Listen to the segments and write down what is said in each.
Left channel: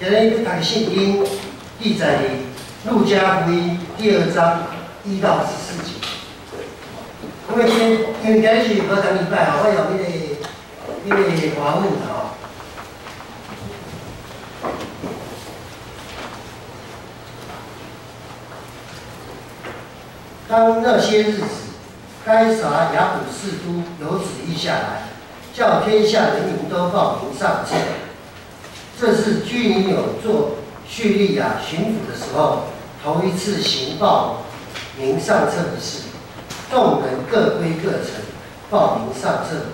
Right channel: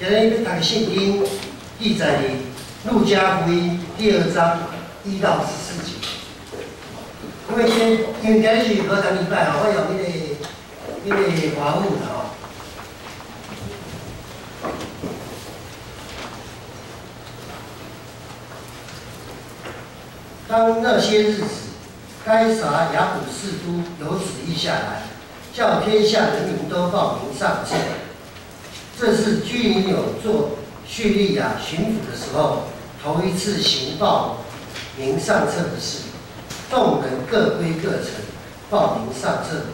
今日要读圣经，记载伫路加福音第2章1到14节。因为今日是何堂礼拜哦，我用迄个华语哦。当那些日子，该撒雅古士都有旨意下来，叫天下人民都报名上册。这是居里纽做叙利亚巡抚的时候，头一次行报名上册的事。众人各归各城，报名上册。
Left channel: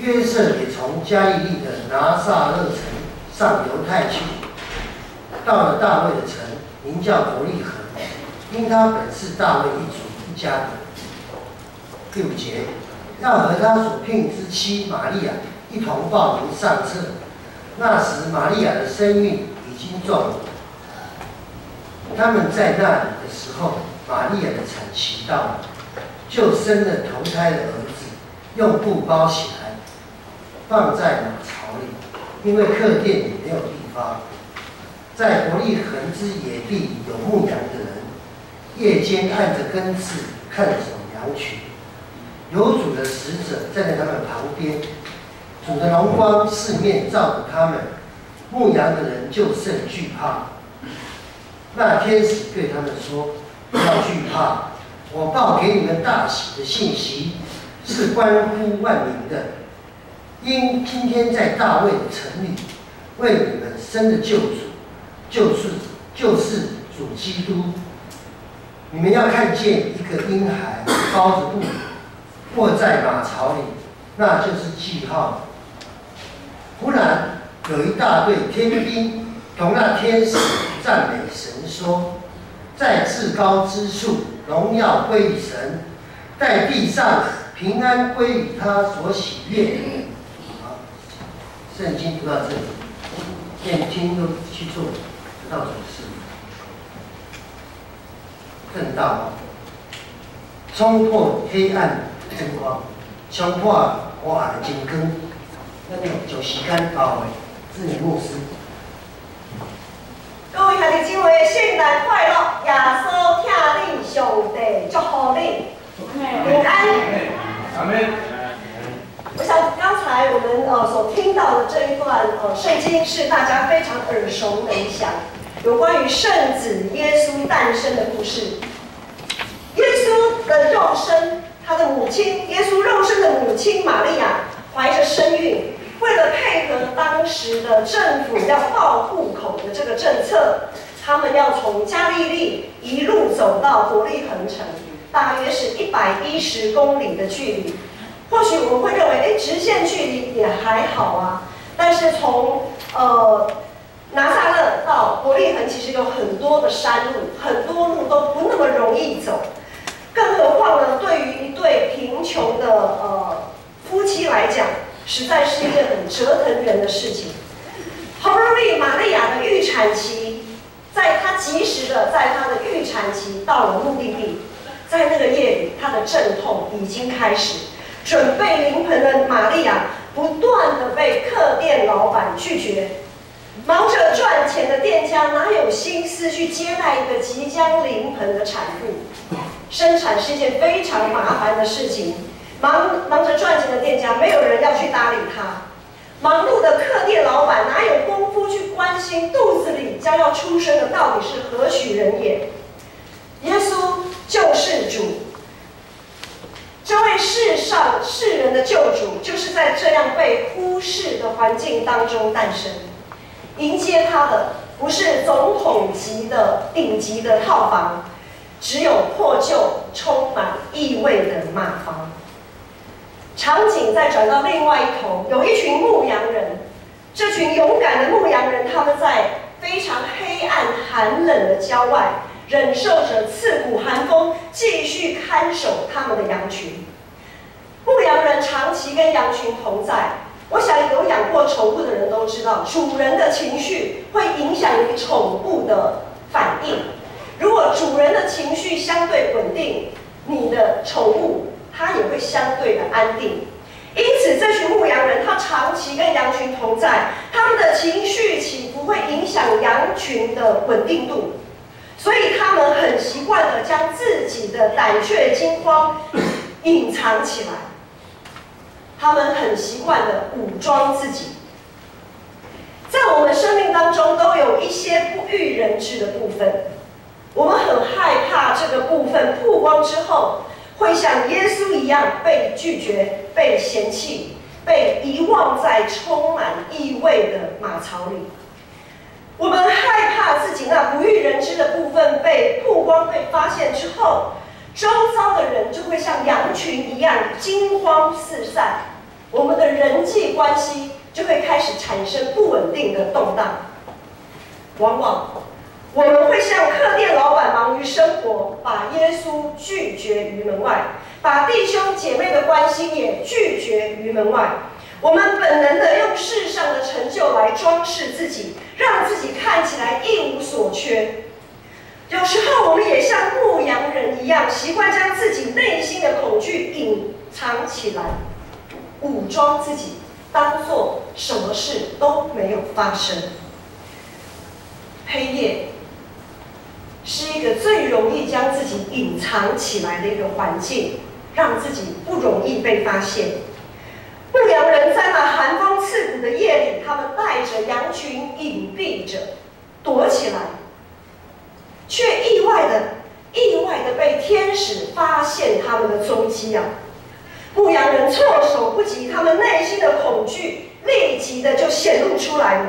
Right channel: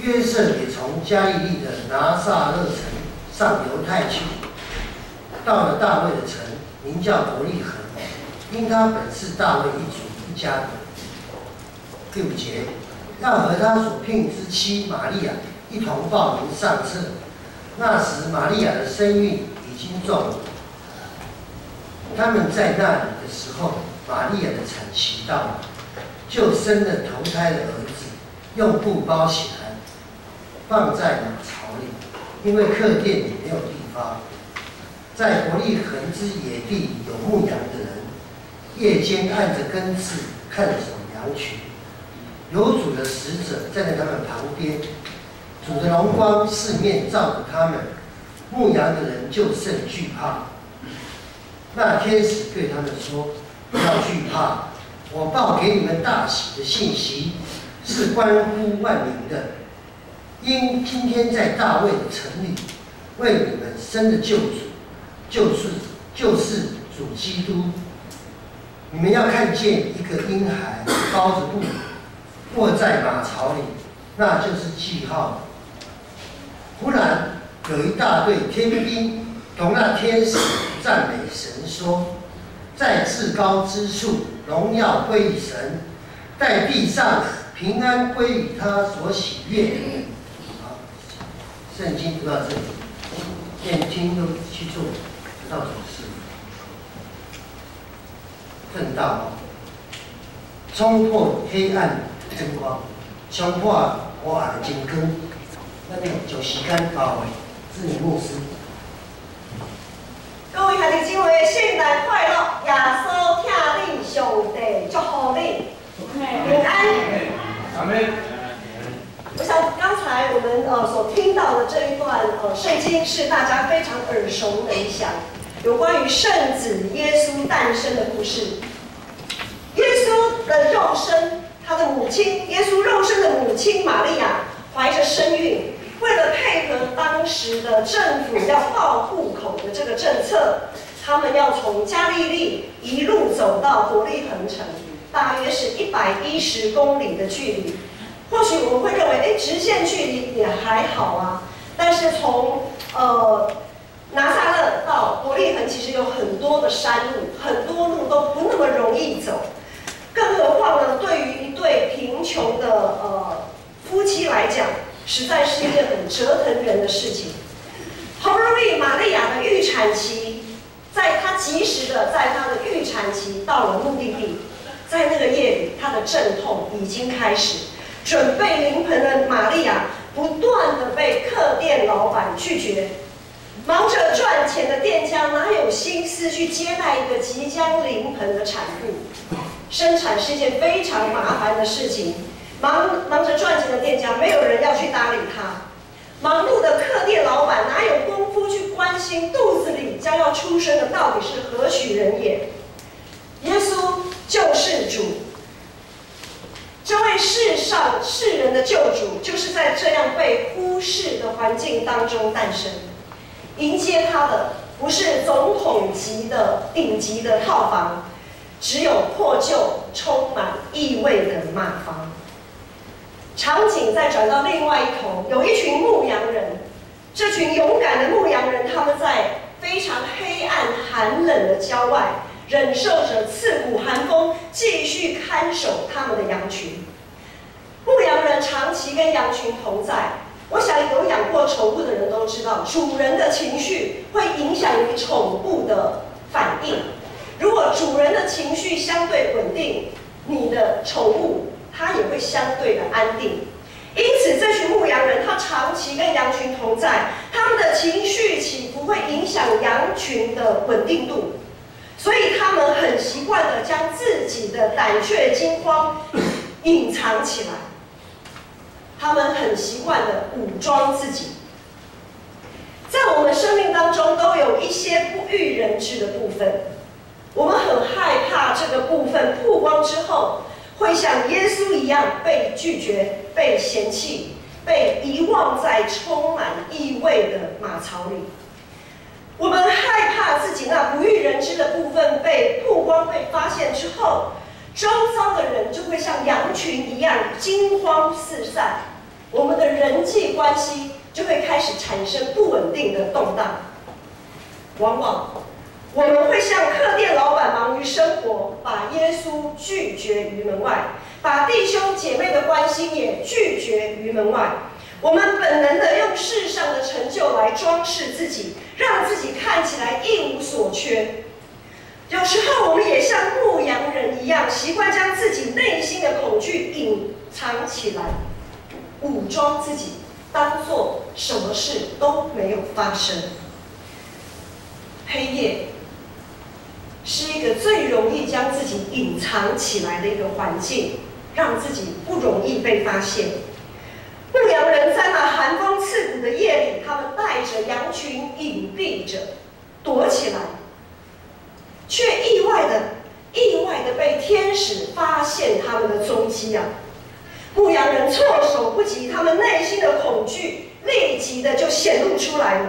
约瑟也从加利利的拿撒勒城上犹太去，到了大卫的城，名叫伯利恒，因他本是大卫一族一家的。第5节，要和他所聘之妻玛利亚一同报名上册。那时玛利亚的身孕已经重了。他们在那里的时候，玛利亚的产期到了，就生了头胎的儿子，用布包起来，放在马槽里，因为客店里没有地方。在伯利恒之野地里有牧羊的人，夜间按着根刺看守羊群，有主的使者站在他们旁边，主的荣光四面照着他们，牧羊的人就甚惧怕。那天使对他们说：“不要惧怕，我报给你们大喜的信息，是关乎万民的。因今天在大卫的城里，为你们生的救主，就是主基督。你们要看见一个婴孩包着布，卧在马槽里，那就是记号。”忽然有一大队天兵同那天使赞美神说：“在至高之处，荣耀归于神；在地上，平安归于他所喜悦的。”好，圣经读到这里，念听都去做，知道什么事？正道，冲破黑暗的灯光，冲破黑暗的金光。那就时间到位，志明牧师。各位兄弟姊妹，圣诞快乐！耶稣听你，上帝祝福你，平安。阿门。我想刚才我们所听到的这一段圣经是大家非常耳熟能详，有关于圣子耶稣诞生的故事。耶稣的肉身，他的母亲，耶稣肉身的母亲玛利亚怀着身孕。为了配合当时的政府要报户口的这个政策，他们要从加利利一路走到伯利恒城，大约是110公里的距离。或许我们会认为，直线距离也还好啊。但是从拿撒勒到伯利恒，其实有很多的山路，很多路都不那么容易走。更何况呢，对于一对贫穷的夫妻来讲，实在是一件很折腾人的事情。好不容易玛利亚的预产期，她及时的在她的预产期到了目的地，在那个夜里，她的阵痛已经开始。准备临盆的玛利亚不断的被客店老板拒绝，忙着赚钱的店家哪有心思去接待一个即将临盆的产妇？生产是一件非常麻烦的事情。忙着赚钱的店家，没有人要去搭理他；忙碌的客店老板哪有功夫去关心肚子里将要出生的到底是何许人也？耶稣救世主，这位世人的救主，就是在这样被忽视的环境当中诞生。迎接他的不是总统级的顶级的套房，只有破旧、充满异味的马房。场景再转到另外一头，有一群牧羊人。这群勇敢的牧羊人，他们在非常黑暗、寒冷的郊外，忍受着刺骨寒风，继续看守他们的羊群。牧羊人长期跟羊群同在，我想有养过宠物的人都知道，主人的情绪会影响你宠物的反应。如果主人的情绪相对稳定，你的宠物它也会相对的安定。因此，这群牧羊人他长期跟羊群同在，他们的情绪起伏会的稳定度，所以他们很习惯的将自己的胆怯惊慌隐藏起来，他们很习惯的武装自己。在我们生命当中都有一些不欲人知的部分，我们很害怕这个部分曝光之后，会像耶稣一样被拒绝、被嫌弃、被遗忘在充满异味的马槽里。我们害怕自己那不欲人知的部分被曝光、被发现之后，周遭的人就会像羊群一样惊慌四散，我们的人际关系就会开始产生不稳定的动荡。往往我们会像客店老板忙于生活，把耶稣拒绝于门外，把弟兄姐妹的关系也拒绝于门外。我们本能的用世上的成就来装饰自己，让自己看起来一无所缺。有时候我们也像牧羊人一样，习惯将自己内心的恐惧隐藏起来，武装自己，当作什么事都没有发生。黑夜是一个最容易将自己隐藏起来的一个环境，让自己不容易被发现。牧羊人在那寒风刺骨的夜里，他们带着羊群隐蔽着，躲起来，却意外的被天使发现他们的踪迹啊！牧羊人措手不及，他们内心的恐惧立即的就显露出来了。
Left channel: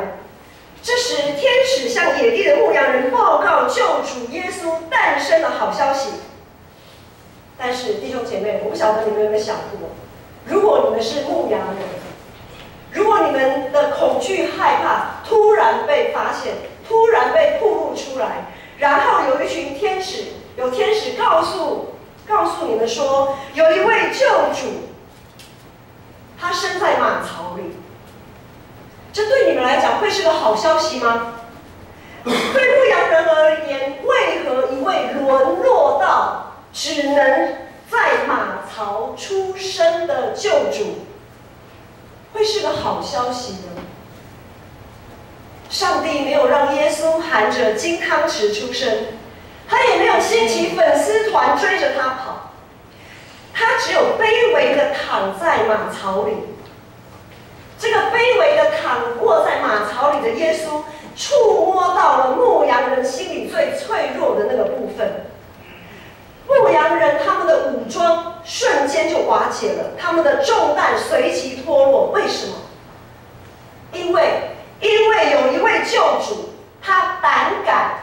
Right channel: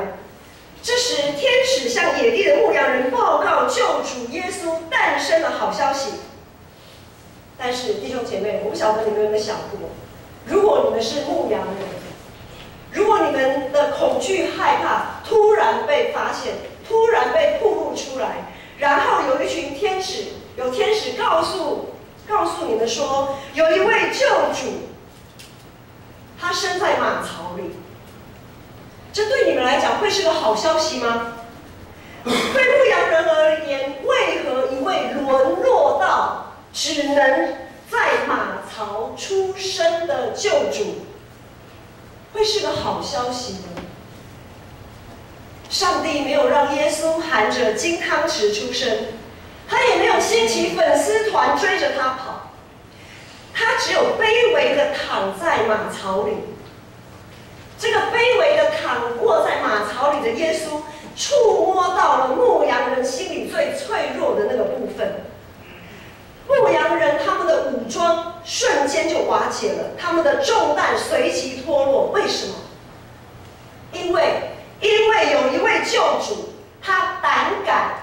这时，天使向野地的牧羊人报告救主耶稣诞生的好消息。但是，弟兄姐妹，我不晓得你们有没有想过，如果你们是牧羊人，如果你们的恐惧害怕突然被发现，突然被暴露出来，然后有一群天使，有天使告诉你们说，有一位救主，他生在马槽里。这对你们来讲会是个好消息吗？对牧羊人而言，为何一位沦落到只能在马槽出生的救主，会是个好消息呢？上帝没有让耶稣含着金汤匙出生，他也没有兴起粉丝团追着他跑，他只有卑微的躺在马槽里。这个卑微的躺卧在马槽里的耶稣，触摸到了牧羊人心里最脆弱的那个部分。牧羊人他们的武装瞬间就瓦解了，他们的重担随即脱落。为什么？因为有一位救主，他胆敢，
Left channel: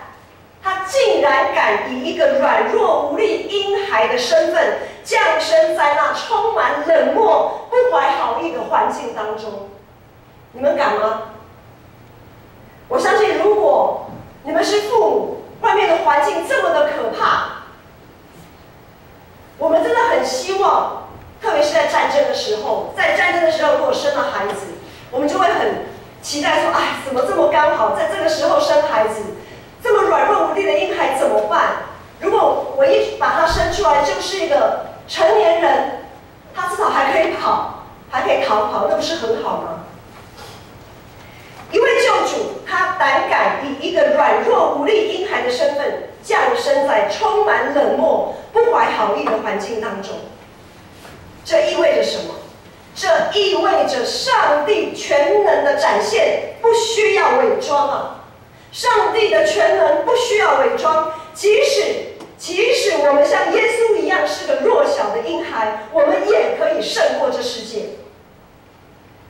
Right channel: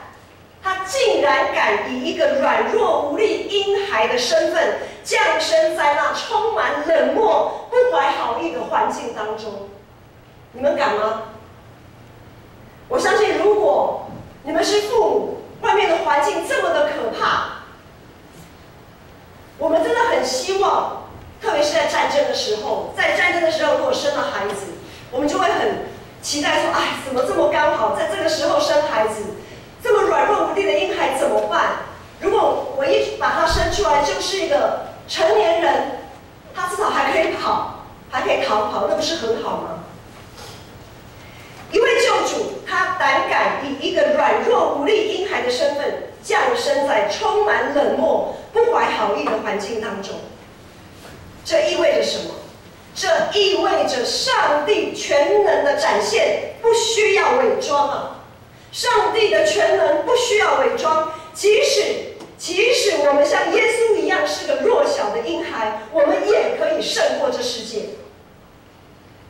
他竟然敢以一个软弱无力婴孩的身份降生在那充满冷漠、不怀好意的环境当中。你们敢吗？我相信，如果你们是父母，外面的环境这么的可怕，我们真的很希望，特别是在战争的时候，如果生了孩子，我们就会很期待说，哎，怎么这么刚好，在这个时候生孩子，这么软弱无力的婴孩怎么办？如果我一把他生出来就是一个成年人，他至少还可以跑，还可以逃跑，那不是很好吗？一位救主，他胆敢以一个软弱无力婴孩的身份降生在充满冷漠、不怀好意的环境当中。这意味着什么？这意味着上帝全能的展现不需要伪装啊！上帝的全能不需要伪装，即使我们像耶稣一样是个弱小的婴孩，我们也可以胜过这世界。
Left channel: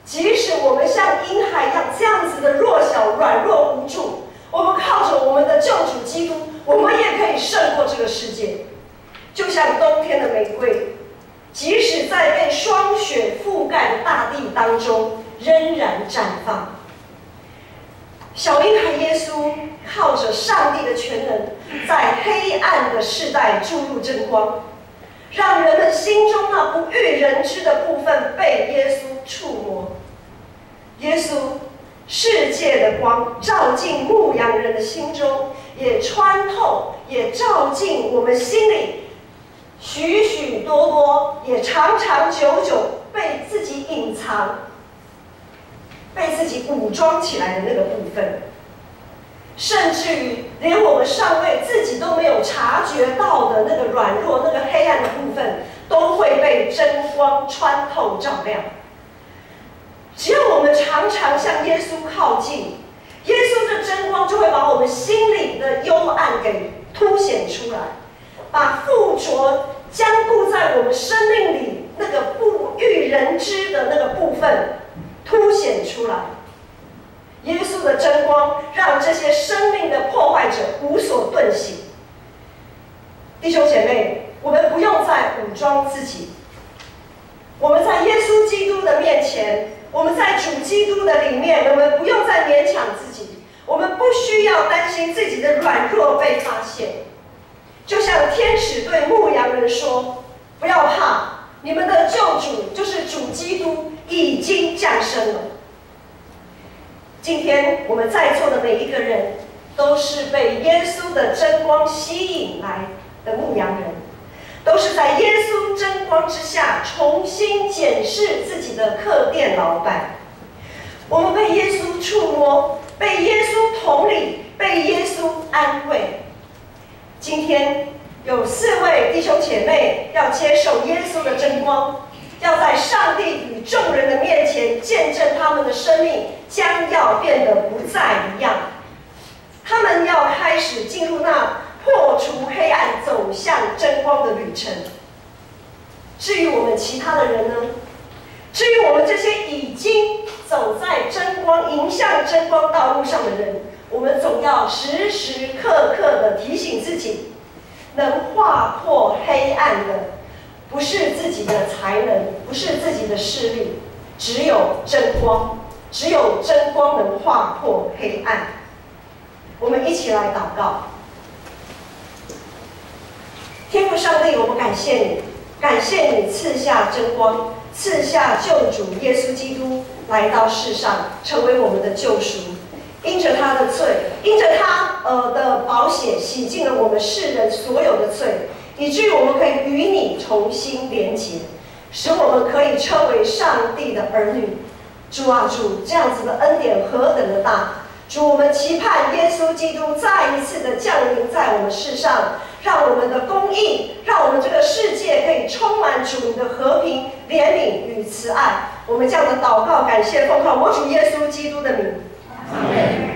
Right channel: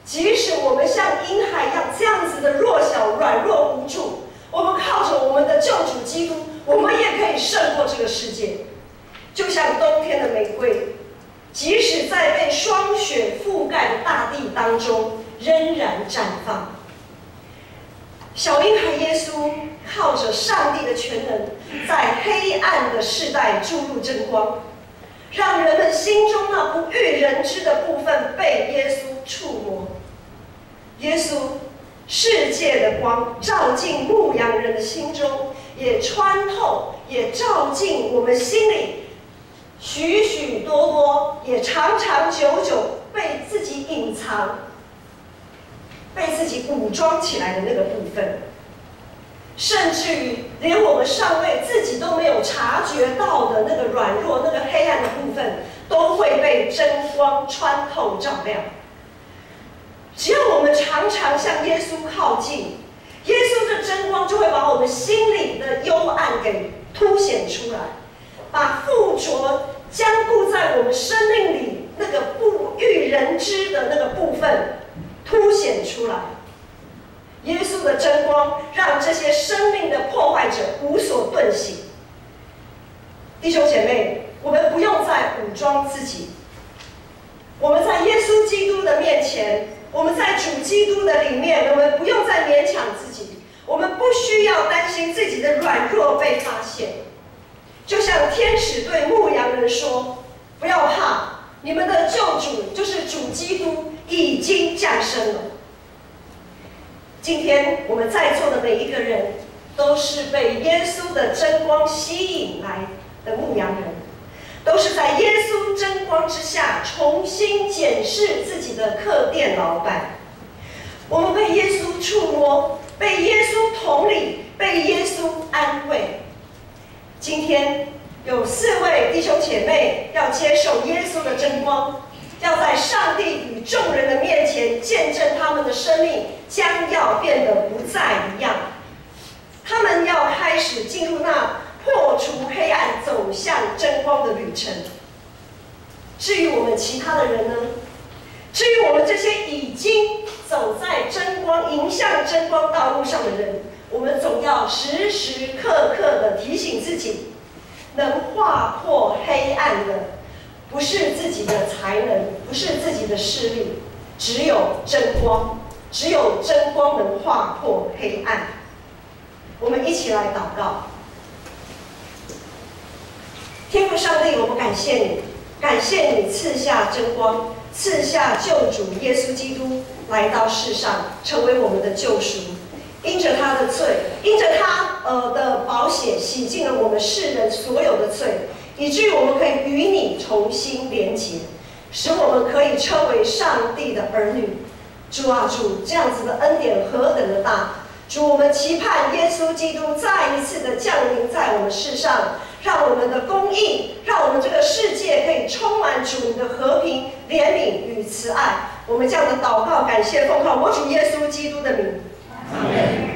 即使我们像婴孩一样这样子的弱小、软弱无助，我们靠着我们的救主基督，我们也可以胜过这个世界。就像冬天的玫瑰，即使在被霜雪覆盖的大地当中，仍然绽放。小婴孩耶稣靠着上帝的全能，在黑暗的世代注入真光，让人们心中那不欲人知的部分被耶稣触摸。耶稣世界的光照进牧羊人的心中，也穿透，也照进我们心里许许多多，也长长久久被自己隐藏、被自己武装起来的那个部分。甚至于连我们尚未自己都没有察觉到的那个软弱、那个黑暗的部分，都会被真光穿透照亮。只要我们常常向耶稣靠近，耶稣的真光就会把我们心里的幽暗给凸显出来，把附着僵固在我们生命里那个不欲人知的那个部分凸显出来。耶稣的真光让这些生命的破坏者无所遁形。弟兄姐妹，我们不用再武装自己，我们在耶稣基督的面前，我们在主基督的里面，我们不用再勉强自己，我们不需要担心自己的软弱被发现。就像天使对牧羊人说：“不要怕，你们的救主就是主基督已经降生了。”今天我们在座的每一个人，都是被耶稣的真光吸引来的牧羊人，都是在耶稣真光之下重新检视自己的客店老板。我们被耶稣触摸，被耶稣同理，被耶稣安慰。今天有4位弟兄姐妹要接受耶稣的真光，要在上帝与众人的面前见证他们的生命将要变得不再一样。他们要开始进入那破除黑暗、走向真光的旅程。至于我们其他的人呢？至于我们这些已经走在真光、迎向真光道路上的人，我们总要时时刻刻地提醒自己，能划破黑暗的不是自己的才能，不是自己的势力，只有真光，只有真光能划破黑暗。我们一起来祷告。天父上帝，我们感谢你，感谢你赐下真光，赐下救主耶稣基督来到世上，成为我们的救赎。因着他的罪，因着他的宝血洗净了我们世人所有的罪，以至于我们可以与你重新连结，使我们可以称为上帝的儿女。主啊，主，这样子的恩典何等的大！主，我们期盼耶稣基督再一次的降临在我们世上，让我们的公义，让我们这个世界可以充满主你的和平、怜悯与慈爱。我们这样的祷告、感谢，奉靠我主耶稣基督的名。阿们。